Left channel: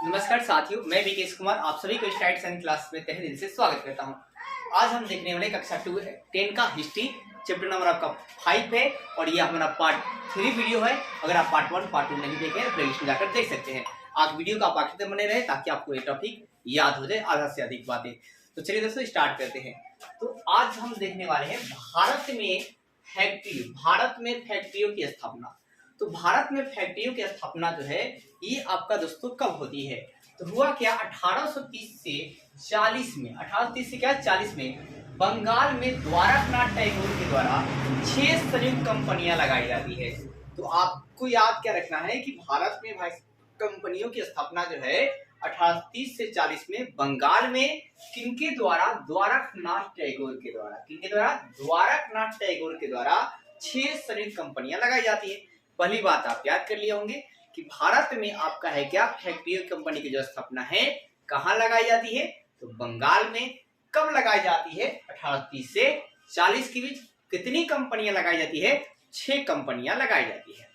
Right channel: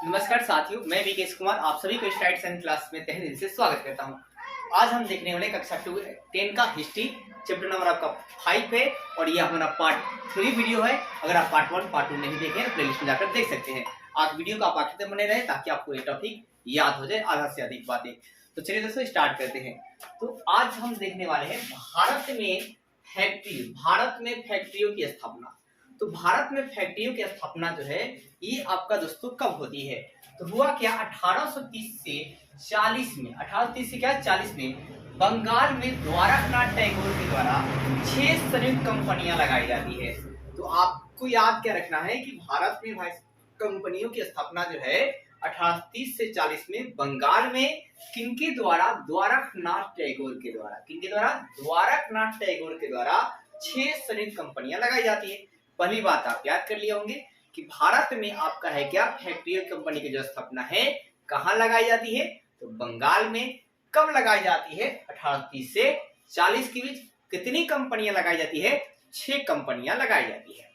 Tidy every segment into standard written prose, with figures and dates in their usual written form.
नमस्कार साथियों, मैं विकेश कुमार आप सभी को स्टाइट साइंस क्लास में तहे दिल से स्वागत करता हूं। आज हम देखने वाले कक्षा 10 का हिस्ट्री चैप्टर नंबर आपका 5 है और यह हमारा पार्ट 3 वीडियो है। अगर आप पार्ट 1 पार्ट 2 नहीं देखे तो प्लेलिस्ट में जाकर देख सकते हैं। आज वीडियो का आप आखिर तक बने रहे ताकि आपको ये टॉपिक याद हो जाए आधा से अधिक बातें। तो चलिए दोस्तों स्टार्ट करते हैं। तो आज हम देखने वाले हैं भारत में फैक्ट्रियों की स्थापना। तो भारत में फैक्ट्रियों की स्थापना जो है ये आपका दोस्तों कब होती है? तो हुआ क्या 1830 से 40 में, 1830 से क्या 40 में बंगाल में द्वारकानाथ टैगोर के द्वारा 6 संयुक्त कंपनियां लगाई जाती है। तो आपको याद क्या रखना है कि भारत में भाई कंपनियों की स्थापना जो है 1830 से 40 में बंगाल में किनके द्वारा? द्वारकानाथ टैगोर के द्वारा। किनके द्वारा? द्वारकानाथ टैगोर के द्वारा 6 संयुक्त कंपनियां लगाई जाती है। पहली बात आप याद कर लिए होंगे कि भारत में आपका है क्या फैक्ट्री कंपनी की जो स्थापना है कहाँ लगाई जाती है? तो बंगाल में। कब लगाई जाती है? 1830 से 40 के बीच। कितनी कंपनियां लगाई जाती है? 6 कंपनियां लगाई जाती है।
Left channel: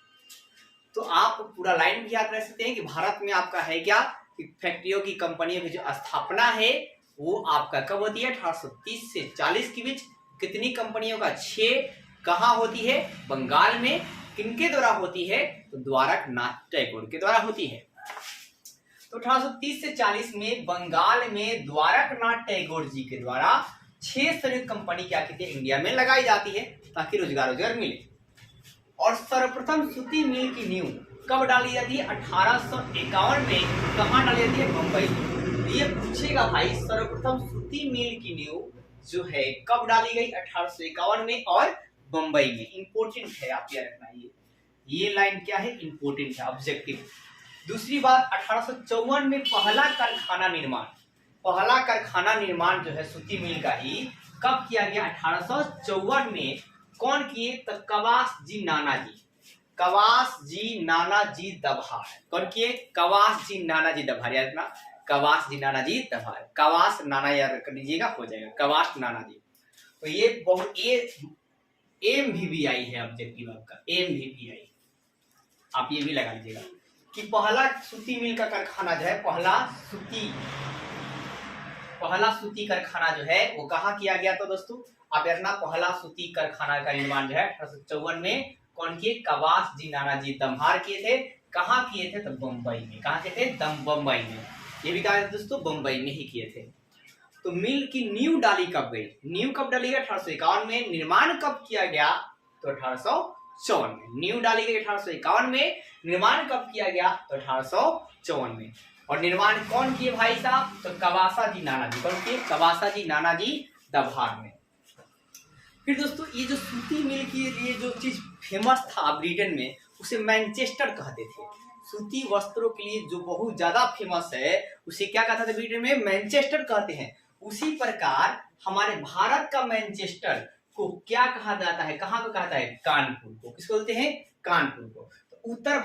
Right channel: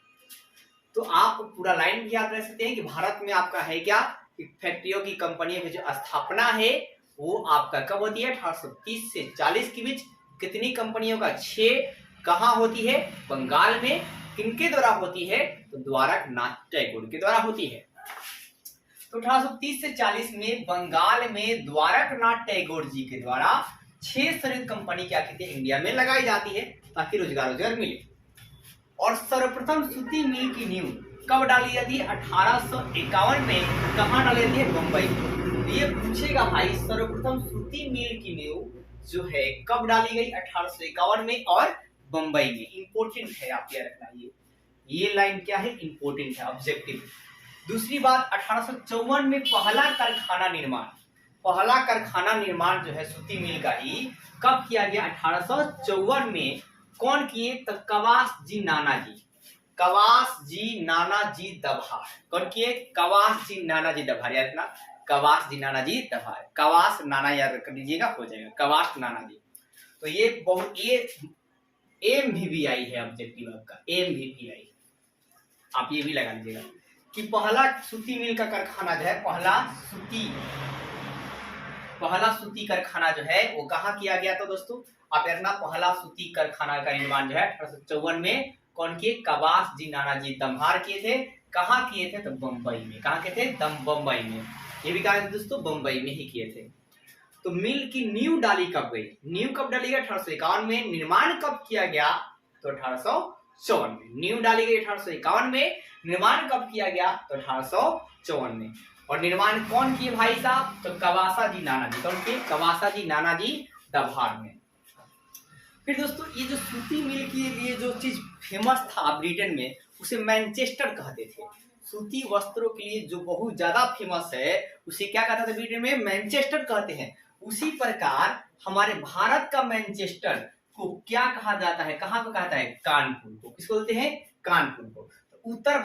तो आप पूरा लाइन भी याद रख सकते हैं कि भारत में आपका है क्या कि फैक्ट्रियों की कंपनियों की जो स्थापना है वो आपका कब होती है? 1830 से 40 के बीच। कितनी कंपनियों का? 6। कहाँ होती है? बंगाल में। किनके द्वारा होती है? तो द्वारकानाथ टैगोर के द्वारा होती है। तो 1830 से 40 में बंगाल में द्वारकानाथ टैगोर जी के द्वारा 6 संयुक्त कंपनी क्या कहती है इंडिया में लगाई जाती है ताकि रोजगार मिले। और सर्वप्रथम सूती मिल की नींव कब डाली जाती है? 1851 में। कहाँ डाली जाती है? बंबई में। ये पूछेगा भाई सर्वप्रथम सूती मिल की नींव जो है कब डाली गई? 1851 में और बंबई में। इंपोर्टेंट है, आप याद रखना। ये लाइन क्या है? इंपोर्टेंट है, ऑब्जेक्टिव। दूसरी बात 1854 में पहला कारखाना निर्माण जो है सूती मिल का ही कब किया गया? 1854 में। कौन किए? तो कवास जी नानाजी दभार। कौन किए? कवास जी नानाजी दभार। याद रखना, कवास जी नानाजी दभार। कवास नाना याद कर लीजिएगा, हो जाएगा कवास नानाजी। तो ये MVVI है ऑब्जेक्टिव आपका, MVVI। आप ये भी लगा लीजिएगा कि पहला सूती मिल का कारखाना जो है, पहला सूती कारखाना जो है वो कहाँ किया गया? तो दोस्तों आप याद रखना, पहला सूती कारखाना का निर्माण जो है 1854 में कौन किए? कवास जी नानाजी दम्भार किए थे। कहाँ किए थे? तो बंबई में। कहाँ किए थे? बंबई में। ये भी कहा दोस्तों बंबई में ही किए थे। तो मिल की नींव डाली कब गई? नींव कब डाली गई? 1851 में। निर्माण कब किया गया? तो 1854 में। नींव डाली गई 1851 में। निर्माण कब किया गया? तो 1854 में। और निर्माण कौन किए भाई साहब? तो कवासा जी नानाजी। कौन किए? कवासा जी नानाजी दभार में। फिर दोस्तों ये जो सूती मिल की ये जो चीज फेमस था ब्रिटेन में उसे मैनचेस्टर कहते थे। सूती वस्त्रों के लिए जो बहुत ज्यादा फेमस है उसे क्या कहते थे ब्रिटेन में? मैनचेस्टर कहते हैं। उसी प्रकार हमारे भारत का मैनचेस्टर को क्या कहा जाता है? कहाँ को कहता है? कानपुर को। किसको बोलते हैं? कानपुर को। तो उत्तर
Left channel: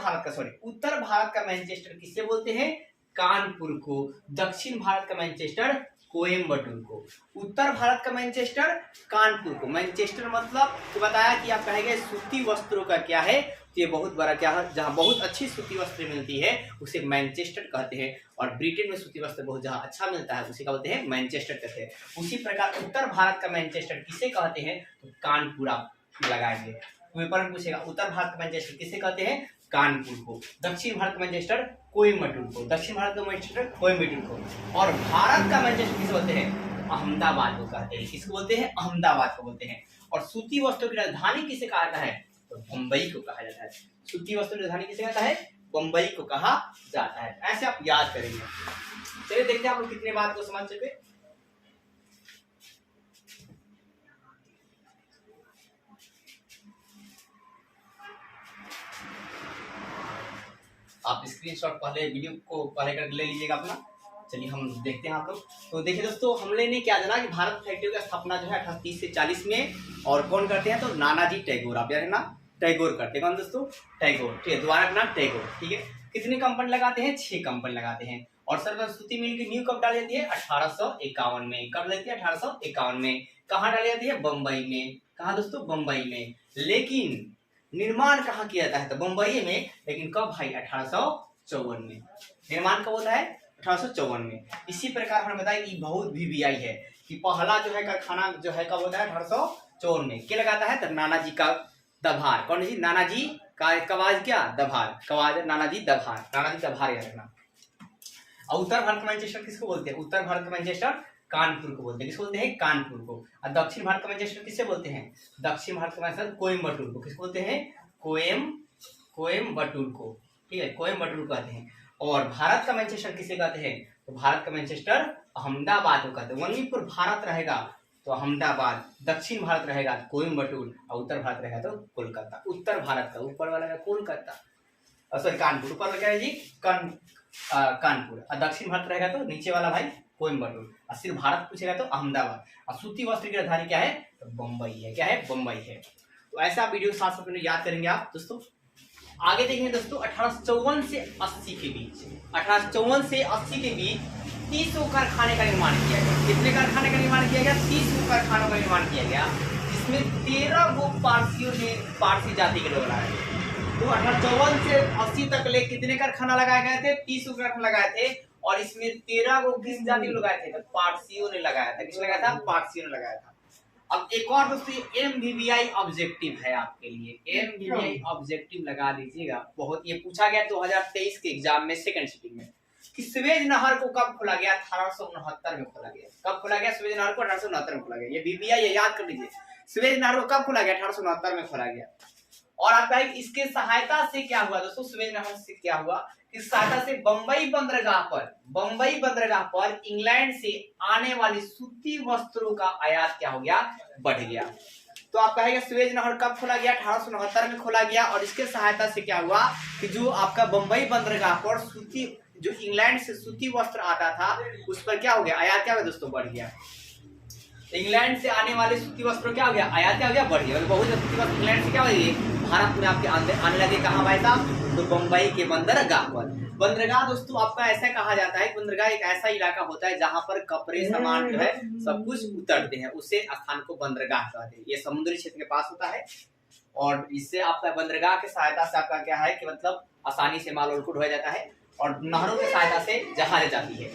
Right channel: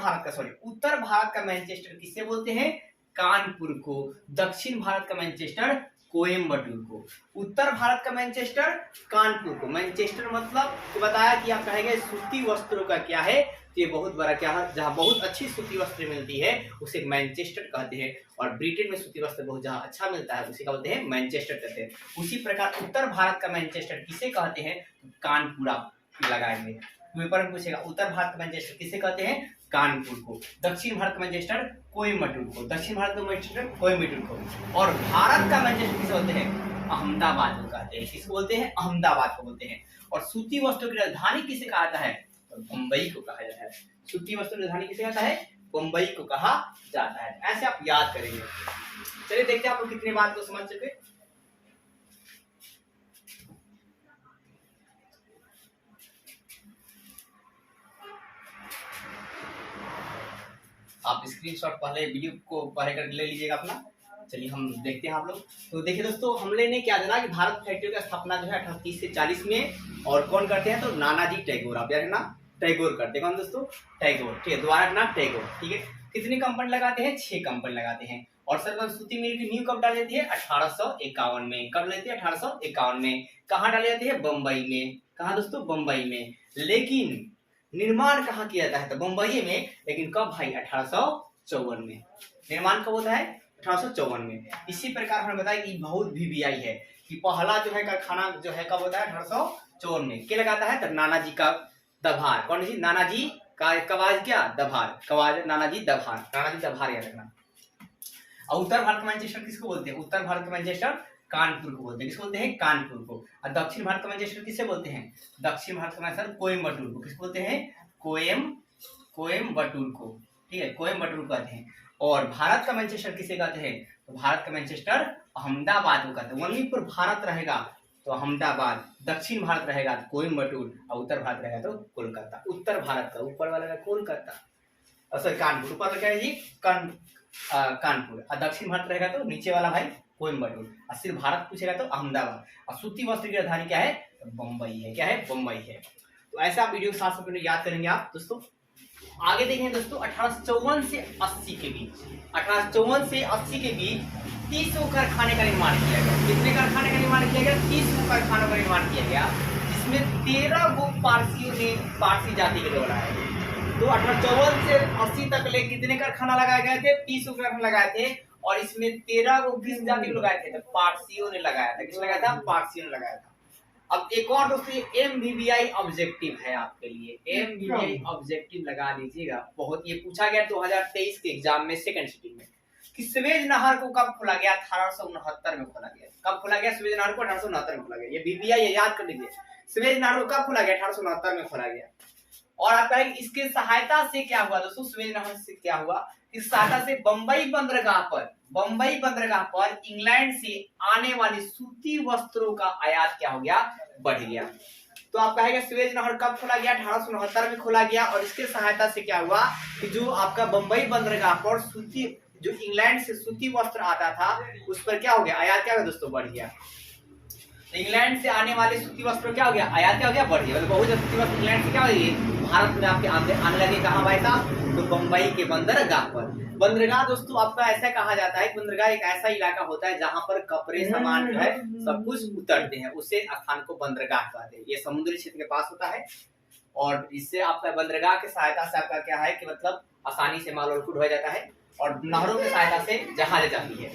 भारत का मैनचेस्टर किसे बोलते हैं? कानपुर को। दक्षिण भारत का मैनचेस्टर कोयम्बटूर को। उत्तर भारत का मैनचेस्टर कानपुर को। मैनचेस्टर मतलब तो बताया कि आप कहेंगे सूती वस्त्रों का क्या है? ये बहुत बड़ा क्या है, जहाँ बहुत अच्छी सूती वस्त्र मिलती है उसे मैनचेस्टर कहते हैं। और ब्रिटेन में सूती वस्त्र बहुत जहाँ अच्छा मिलता है उसे क्या बोलते हैं? मैनचेस्टर कहते हैं। उसी प्रकार उत्तर भारत का मैनचेस्टर किसे कहते हैं? तो कानपुर आप लगाएंगे। पेपर में पूछेगा उत्तर भारत का मैनचेस्टर किसे कहते हैं? कानपुर को। दक्षिण भारत का मैनचेस्टर कोयम्बटूर को। दक्षिण भारत का मैनचेस्टर कोयम्बटूर को। और भारत का मैनचेस्टर किसे बोलते हैं? अहमदाबाद को कहते हैं। किसको बोलते हैं? अहमदाबाद को बोलते हैं। और सूती वस्त्रों की राजधानी किसे कहा जाता है? तो बंबई को कहा जाता है। सूती वस्त्र राजधानी किसे कहता है? बंबई को कहा जाता है। ऐसे आप याद करेंगे। चलिए देखते हैं आप लोग कितने बात को समझ चुके। आप स्क्रीनशॉट पहले वीडियो को पहले कर ले लीजिएगा अपना। चलिए हम देखते हैं आप लोग। तो देखिए दोस्तों हमने ने क्या जाना कि भारत फैक्ट्री की स्थापना जो है 1830 से 40 में। और कौन करते हैं? तो नानाजी टैगोर। आप याद रखना, टैगोर करते हैं। कौन दोस्तों? टैगोर। ठीक है, द्वारकानाथ टैगोर। ठीक है। कितनी कंपनी लगाते हैं? 6 कंपनी लगाते हैं। और सर्वप्रथम सूती मिल की नींव कब डाली जाती है? 1851 में। कब लेती है? 1851 में। कहाँ डाली जाती है? बंबई में। कहाँ दोस्तों? बंबई में। लेकिन निर्माण कहाँ किया जाता है? तो बंबई में। लेकिन कब भाई? 1854 में। निर्माण कब होता है? 1854 में। इसी प्रकार हमने बताया कि बहुत VBI है कि पहला जो है कारखाना जो है कब होता है? 1854 में। क्या लगाता है? तो नानाजी का दभार। कौन सी? नानाजी का कवाज क्या? दभार। कवाज नानाजी दभार। नानाजी दभार याद रखना। और उत्तर भारत का मैनचेस्टर किसको बोलते हैं? उत्तर भारत का मैनचेस्टर कानपुर को बोलते हैं। किसको बोलते हैं? कानपुर को। और दक्षिण भारत का मैनचेस्टर किसे बोलते हैं? दक्षिण भारत का मैनचेस्टर कोयम्बटूर को। किसको बोलते हैं? कोयम्बटूर को। ठीक है, कोयम्बटूर कहते हैं। और भारत का मैनचेस्टर किसे कहते हैं? तो भारत का मैनचेस्टर अहमदाबाद को कहते हैं। वहीं पर भारत रहेगा तो अहमदाबाद, दक्षिण भारत रहेगा तो कोयम्बटूर, और उत्तर भारत रहेगा तो कोलकाता। उत्तर भारत का ऊपर वाला है कोलकाता, सॉरी कानपुर। ऊपर क्या है जी? कानपुर। और दक्षिण भारत रहेगा तो नीचे वाला भाई कोयम्बटूर। और सिर्फ भारत पूछेगा तो अहमदाबाद। और सूती वस्त्र की राजधानी क्या है? तो बम्बई है। क्या है? बम्बई है। तो ऐसा वीडियो 700 मिनट याद करेंगे आप दोस्तों। आगे देखेंगे दोस्तों 1854 से 80 के बीच, 1854 से 80 के बीच 30 कारखाने का निर्माण किया गया। कितने कारखाने का निर्माण किया गया? 30 कारखानों का निर्माण किया गया, जिसमें 13 वो पारसियों ने पारसी जाति के लोग लगाए। तो 1854 से 80 तक ले कितने कारखाना लगाए गए थे? 30 कारखाना लगाए थे। और इसमें 13 वो किस जाति के लोग लगाए थे? तो पारसियों ने लगाया था। किसने लगाया था? पारसियों ने लगाया था। अब एक और दोस्तों MVBI ऑब्जेक्टिव है आपके लिए। MVBI ऑब्जेक्टिव लगा दीजिएगा। बहुत ये पूछा गया 2023 के एग्जाम में सेकंड सिटिंग में कि स्वेज नहर को कब खोला गया? 1869 में खोला गया। कब खोला गया स्वेज नहर को? 1869 में खोला गया। ये VBI है, याद कर लीजिए। स्वेज नहर को कब खोला गया? 1869 में खोला गया। और आपका इसके सहायता से क्या हुआ दोस्तों? स्वेज नहर से क्या हुआ? इस सहायता से बंबई बंदरगाह पर इंग्लैंड से आने वाली सूती वस्त्रों का आयात क्या हो गया? बढ़ गया। तो आप कहेंगे स्वेज नहर कब खोला गया? 1869 में खोला गया। और इसके सहायता से क्या हुआ कि जो आपका बंबई बंदरगाह पर सूती, जो इंग्लैंड से सूती वस्त्र आता था, उस पर क्या हो गया? आयात क्या हो गया दोस्तों? बढ़ गया। इंग्लैंड से आने वाले सूती वस्त्र क्या हो गया? आयात क्या हो गया? बढ़ गया। बहुत सूती वस्त्र इंग्लैंड से क्या हो गई? भारत में आपके आने लगे। कहाँ भाई साहब? तो बंबई के बंदरगाह पर। बंदरगाह दोस्तों आपका ऐसा कहा जाता है, बंदरगाह एक ऐसा इलाका होता है जहाँ पर कपड़े सामान जो है सब कुछ उतरते हैं, उसे स्थान को बंदरगाह कहते हैं। ये समुद्री क्षेत्र के पास होता है। और इससे आपका बंदरगाह की सहायता से आपका क्या है कि मतलब आसानी से माल और ढोया जाता है। और नहरों की सहायता से जहाज जाती है।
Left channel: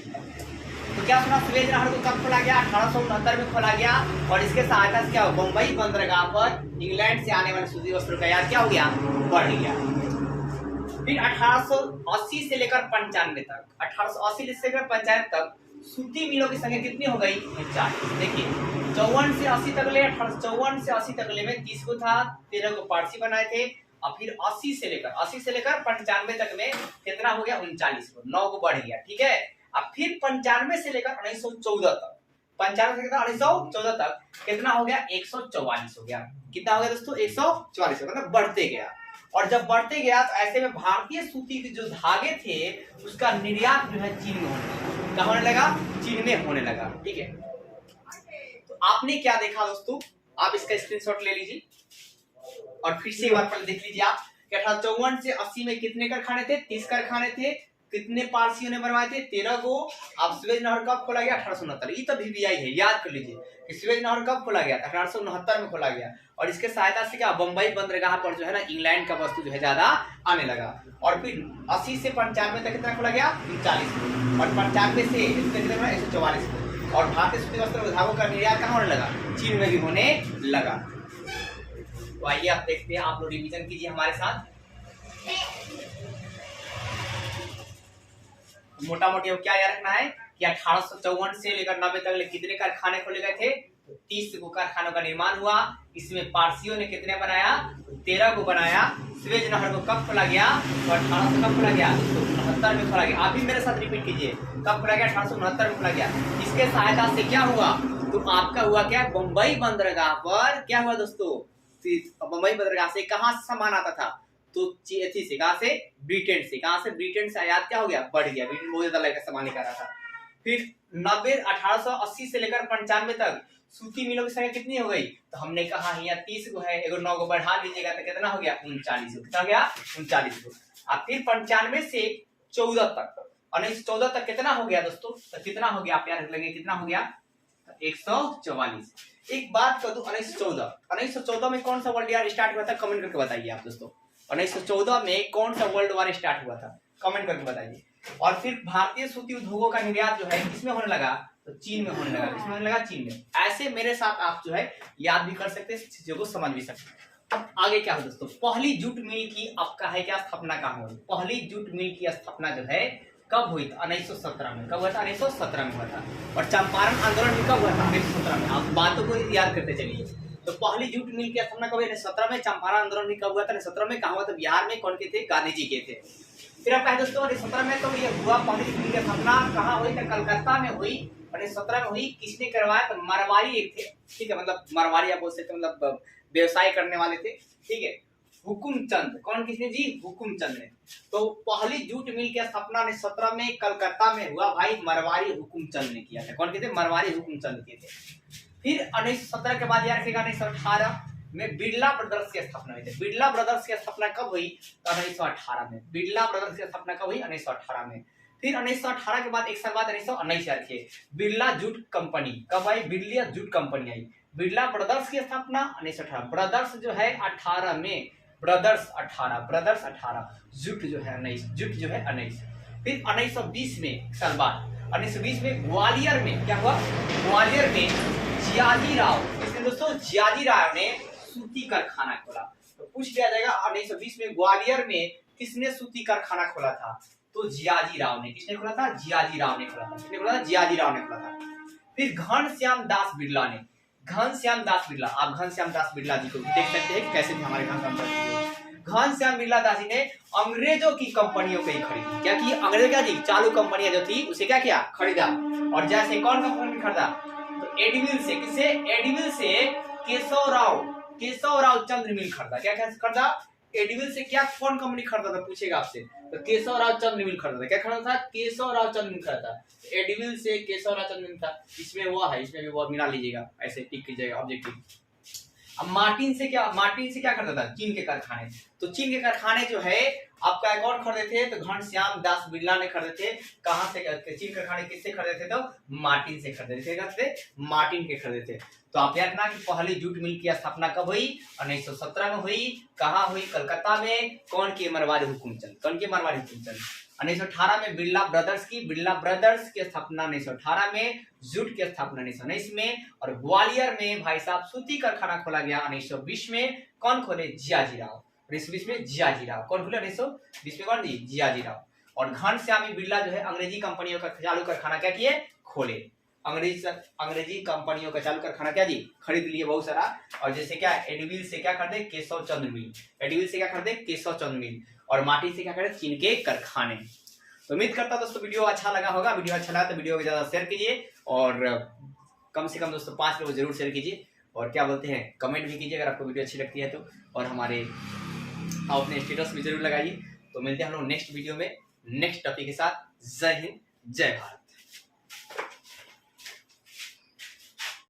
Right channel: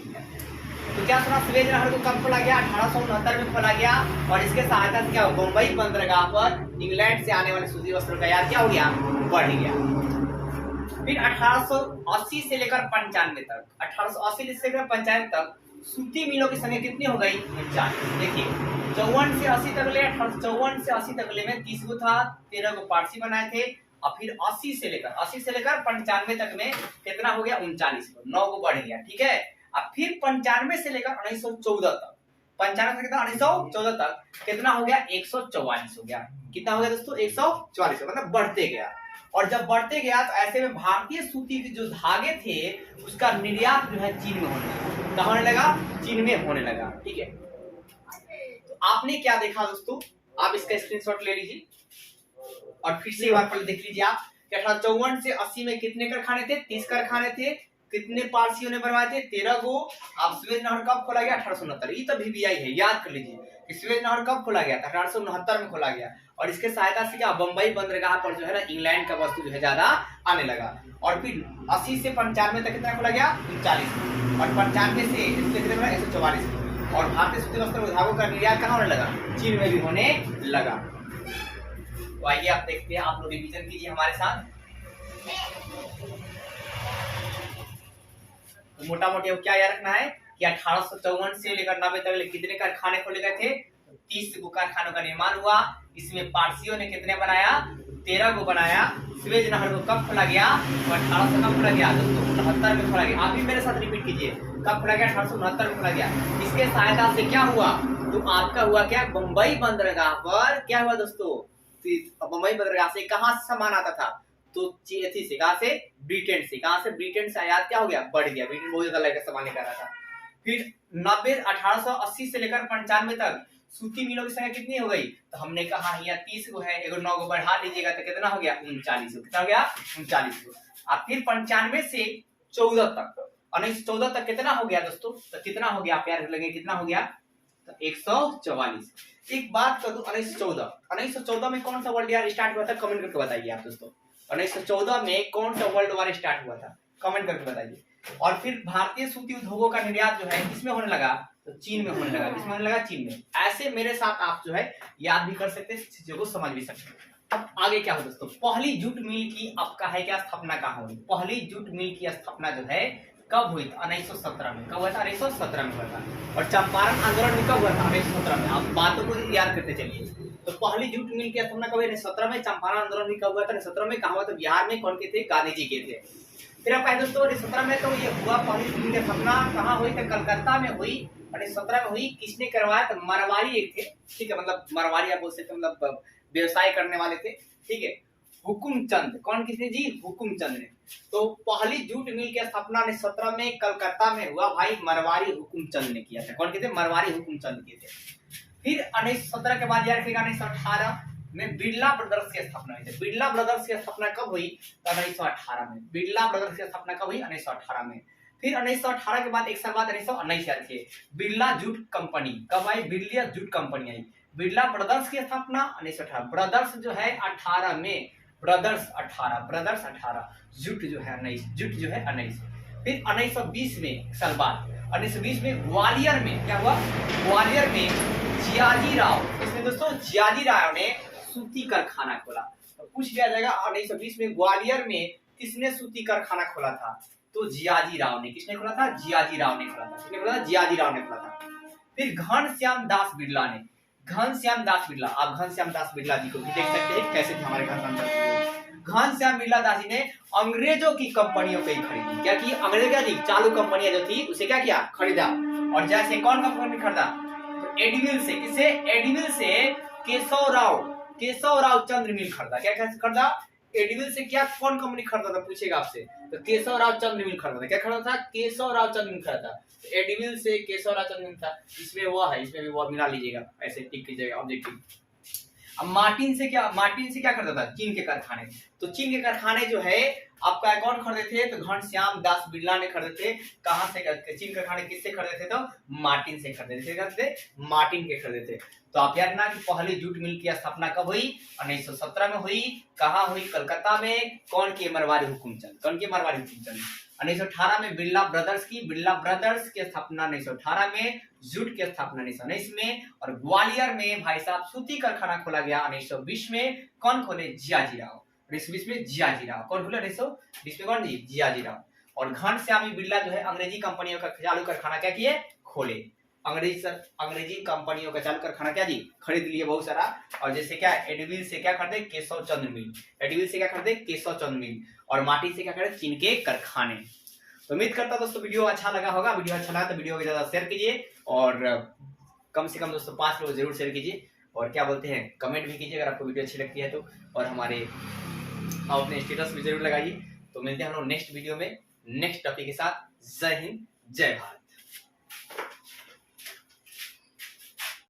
तो क्या सुना? स्वेज नहर को कब खोला गया? 1869 में खोला गया। और इसके सहायता से क्या? बंबई बंदरगाह पर इंग्लैंड से आने वाले सूती वस्त्रों का यार क्या हो गया? बढ़ गया। फिर 1880 से लेकर 95 तक, 1880 से लेकर 95 तक सूती मिलों की संख्या कितनी हो गई? 49। देखिए 54 से 80 तक ले, 54 से 80 तक ले में 30 को था, 13 को पारसी बनाए थे। और फिर 80 से लेकर 95 तक में कितना हो गया? 39 को, 9 को बढ़ गया। ठीक है। अब फिर 95 से लेकर 1914 तक, 95 से लेकर 1914 तक कितना हो गया? 144 हो गया। कितना हो गया दोस्तों? 144, मतलब बढ़ते गया। और जब बढ़ते गया तो ऐसे में भारतीय सूती के जो धागे थे उसका निर्यात जो है चीन में होने लगा। कहाँ होने लगा? चीन में होने लगा। ठीक है। तो आपने क्या देखा दोस्तों? आप इसका स्क्रीनशॉट ले लीजिए और फिर से एक बार पहले देख लीजिए आप कि 1854 से 80 में कितने कारखाने थे? 30 कारखाने थे। कितने पारसियों ने बनवाए थे? 13 को। अब स्वेज नहर कब खोला गया? 1869। ये तो VBI है, याद कर लीजिए। स्वेज नहर कब खोला गया? 1869 में खोला गया। और इसके सहायता से क्या? बंबई बंदरगाह पर जो है ना इंग्लैंड का वस्तु जो है ज्यादा आने लगा। और फिर 80 से 95 तक कितना खोला गया? 39 को। और 95 से 144 को। और भारतीय सूती वस्त्र धागों का निर्यात कहाँ होने लगा? चीन में भी होने लगा। तो आइए आप देखते हैं, आप लोग रिवीजन कीजिए हमारे साथ। मोटा मोटी क्या याद रखना है कि 1854 से लेकर 90 तक कितने कारखाने खोले गए थे? 30 को कारखानों का निर्माण हुआ। इसमें पारसियों ने कितने बनाया? 13 को बनाया। स्वेज नहर को कब खोला गया? 1800 कब खोला गया? 1969 में खोला गया। आप भी मेरे साथ रिपीट कीजिए, कब खोला गया? 1869 में खोला गया। इसके सहायता से क्या हुआ? तो आपका हुआ क्या? बंबई बंदरगाह पर क्या हुआ दोस्तों? बंबई बंदरगाह से कहाँ सामान आता था? तो थी से कहां से? ब्रिटेन से। कहां से? ब्रिटेन से आयात क्या हो गया? बढ़ गया। ब्रिटेन बहुत ज्यादा लेकर सामान लेकर आ रहा था। फिर 1880 से लेकर 95 तक सूती मिलों की संख्या कितनी हो गई? तो हमने कहा यहाँ 30 को है, एगो 9 को बढ़ा दीजिएगा तो कितना हो गया? 39 को। कितना हो गया? 39 को। अब फिर 95 से 14 तक, 1914 तक कितना हो गया दोस्तों? तो कितना हो गया? आप यार लगे कितना हो गया? तो 144। एक बात कर दूं, 1914 में कौन सा वर्ल्ड वार स्टार्ट हुआ था? कमेंट करके बताइए आप दोस्तों। 1914 में कौन सा वर्ल्ड वार स्टार्ट हुआ था? कमेंट करके बताइए। और फिर भारतीय सूती उद्योगों का निर्यात जो है किसमें होने लगा, तो चीन में होने लगा। किसमें होने लगा, चीन में। ऐसे मेरे साथ आप जो है याद भी कर सकते हैं, चीजों को समझ भी सकते हैं। अब आगे क्या हो दोस्तों, पहली जूट मिल की आपका है क्या स्थापना कहाँ हुई, पहली जूट मिल की स्थापना जो है कब हुई था, 1917 में। कब हुआ था, 1917 में हुआ था। और चंपारण आंदोलन में कब हुआ था, 1917 में। आप बातों को याद करते चलिए। तो पहली जूट मिल की स्थापना कब हुई, 1917 में। चंपारण आंदोलन भी कब हुआ था, 1917 में। कहाँ हुआ था, बिहार में। कौन के थे, गांधी जी के थे। फिर आप कहें दोस्तों 1917 में तो ये हुआ, पहली जूट मिल की स्थापना कहाँ हुई, तो कलकत्ता में हुई। 1917 में हुई। किसने करवाया, तो मरवारी एक थे, ठीक है, मतलब मरवारी आप बोल सकते, मतलब व्यवसाय करने वाले थे, ठीक है, हुकुमचंद। कौन, किसने जी, हुकुमचंद ने। तो पहली जूट मिल की स्थापना 1917 में कलकत्ता में हुआ भाई, मरवारी हुकुमचंद ने किया था। कौन के थे, मरवारी हुकुमचंद के थे। फिर 1917 के बाद याद रखिएगा 1918 में बिरला ब्रदर्स की स्थापना हुई थी। बिरला ब्रदर्स की स्थापना कब हुई, तो 1918 में। बिरला ब्रदर्स की स्थापना कब हुई, 1918 में। फिर 1918 के बाद एक साल बाद 1919 याद रखिए, बिरला जूट कंपनी कब आई, बिरला जूट कंपनी आई। बिरला ब्रदर्स की स्थापना 1918, ब्रदर्स जो है 18 में, ब्रदर्स 18, ब्रदर्स 18, जुट जो है 19, जुट जो है 19। फिर 1920 में एक साल बाद 1920 में ग्वालियर में क्या हुआ, ग्वालियर में जियाजी राव, इसमें दोस्तों जियाजी राव ने सूती कारखाना खोला। तो पूछ लिया जाएगा 1920 में ग्वालियर में किसने सूती कारखाना खोला था, तो जियाजी राव ने। किसने खोला था, जियाजी राव ने खोला था। किसने खोला था, जियाजी राव ने खोला था। फिर घनश्याम दास बिरला ने, घनश्याम दास बिरला, आप घनश्याम दास बिरला जी को भी देख सकते हैं कैसे थे हमारे घनश्याम दास जी। घनश्याम बिरला दास जी ने अंग्रेजों की कंपनियों को ही खरीदी। क्या की, अंग्रेज क्या थी, चालू कंपनियां जो थी उसे क्या किया, खरीदा। और जैसे कौन कंपनी खरीदा, तो एडमिल से, किसे, एडमिल से केशव राव चंद्र मिल खरीदा। क्या खरीदा, एडमिल से। क्या, कौन कंपनी खरीदा था, पूछेगा आपसे, तो केशव राव चंद्र मिल खरीदा था। क्या खरीदा था, केशव राव चंद्र मिल खरीदा था। एडमिल से केशव राव चंद्र मिल था। इसमें वो है, इसमें भी वो मिला लीजिएगा, ऐसे टिक कीजिएगा ऑब्जेक्टिव। अब मार्टिन से क्या करता था, चीन के कारखाने। तो चीन के कारखाने जो है आपका कौन खरीदे थे, तो घनश्याम दास बिरला ने खरीदे थे। कहां से, चीन कारखाने किससे खरीदे थे, तो मार्टिन से खरीदे थे, मार्टिन के खरीदे थे। तो आप याद रखना कि पहली जूट मिल की स्थापना कब हुई, 1917 में हुई। कहां हुई, कलकत्ता में। कौन के, मरवारी हुकुमचंद। कौन के, मरवारी हुकुमचंद। 1918 में बिरला ब्रदर्स की स्थापना 1918 में, जूट की स्थापना 1919 में। और ग्वालियर में भाई साहब सूती कारखाना खोला गया 1920 में। कौन खोले, जियाजी राव। 1920 में जियाजी राव। कौन खोले, 1920 में, कौन जी, जियाजी राव। और घनश्यामी बिरला जो है अंग्रेजी कंपनियों का चालू कारखाना क्या किए, खोले। अंग्रेजी कंपनियों का चालू कारखाना क्या जी, खरीद लिए बहुत सारा। और जैसे क्या, एडविल से क्या खरीदे, केशव चंद्र मिल। एडविल से क्या खरीदे, केशव चंद्र मिल। और माटी से क्या करे, चीन के कारखाने। तो उम्मीद करता दोस्तों वीडियो अच्छा लगा होगा। वीडियो अच्छा लगा तो वीडियो को ज्यादा शेयर कीजिए, और कम से कम दोस्तों 5 लोग जरूर शेयर कीजिए। और क्या बोलते हैं, कमेंट भी कीजिए अगर आपको वीडियो अच्छी लगती है तो। और हमारे आप अपने स्टेटस भी जरूर लगाइए। तो मिलते हैं हम लोग नेक्स्ट वीडियो में नेक्स्ट टॉपिक के साथ। जय हिंद, जय भारत।